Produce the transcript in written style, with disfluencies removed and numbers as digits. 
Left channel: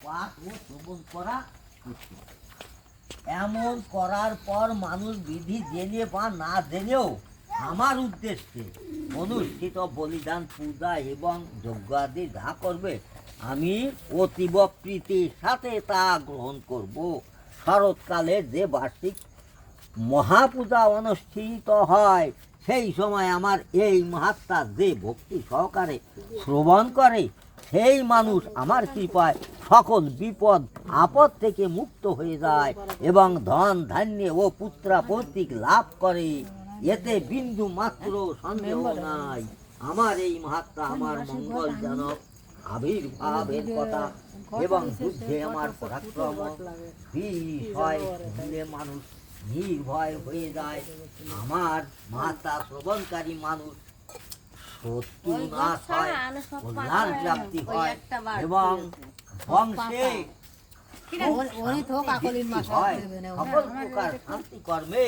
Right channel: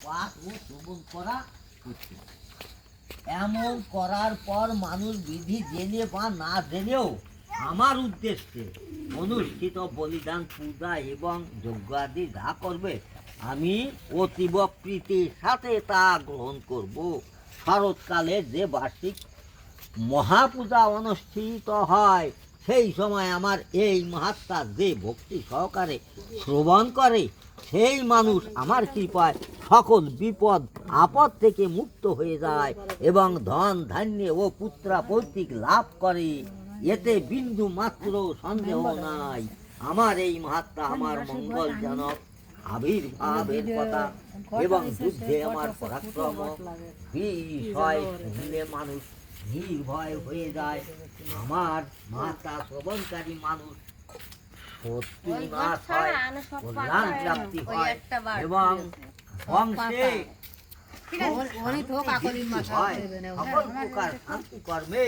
পাঠ ও শ্রবণ করা উচিত। এমন করার পর মানুষ বিধি জেনে বা না জেনেও আমার উদ্দেশ্যে অনুষ্ঠিত বলিদান পূজা এবং যজ্ঞাদি যা করবে আমি অতীব প্রীতির সাথে তা গ্রহণ করব। শরৎকালে যে বার্ষিক মহাপূজা অনুষ্ঠিত হয় সেই সময় আমার এই মহাত্মা যে ভক্তি সহকারে শ্রবণ করে সেই মানুষ আমার কৃপায় সকল বিপদ আপদ থেকে মুক্ত হয়ে যায় এবং ধন ধান্য ও পুত্রা পৌত্রিক লাভ করে। এতে বিন্দু মাত্র সন্দেহ নাই। আমার এই মহাত্মা আমার মঙ্গলজনক আবির্ভাবের কথা এবং যুদ্ধে আমার পরাক্রম বিষয় দিলে মানুষ নির্ভয় হয়ে যায়। আমার মাতা শ্রবণকারী মানুষ শত্রু নাশ হয়, কল্যাণ প্রাপ্তি হয় এবং বংশে হয়। সকল প্রকার শান্তি কর্মে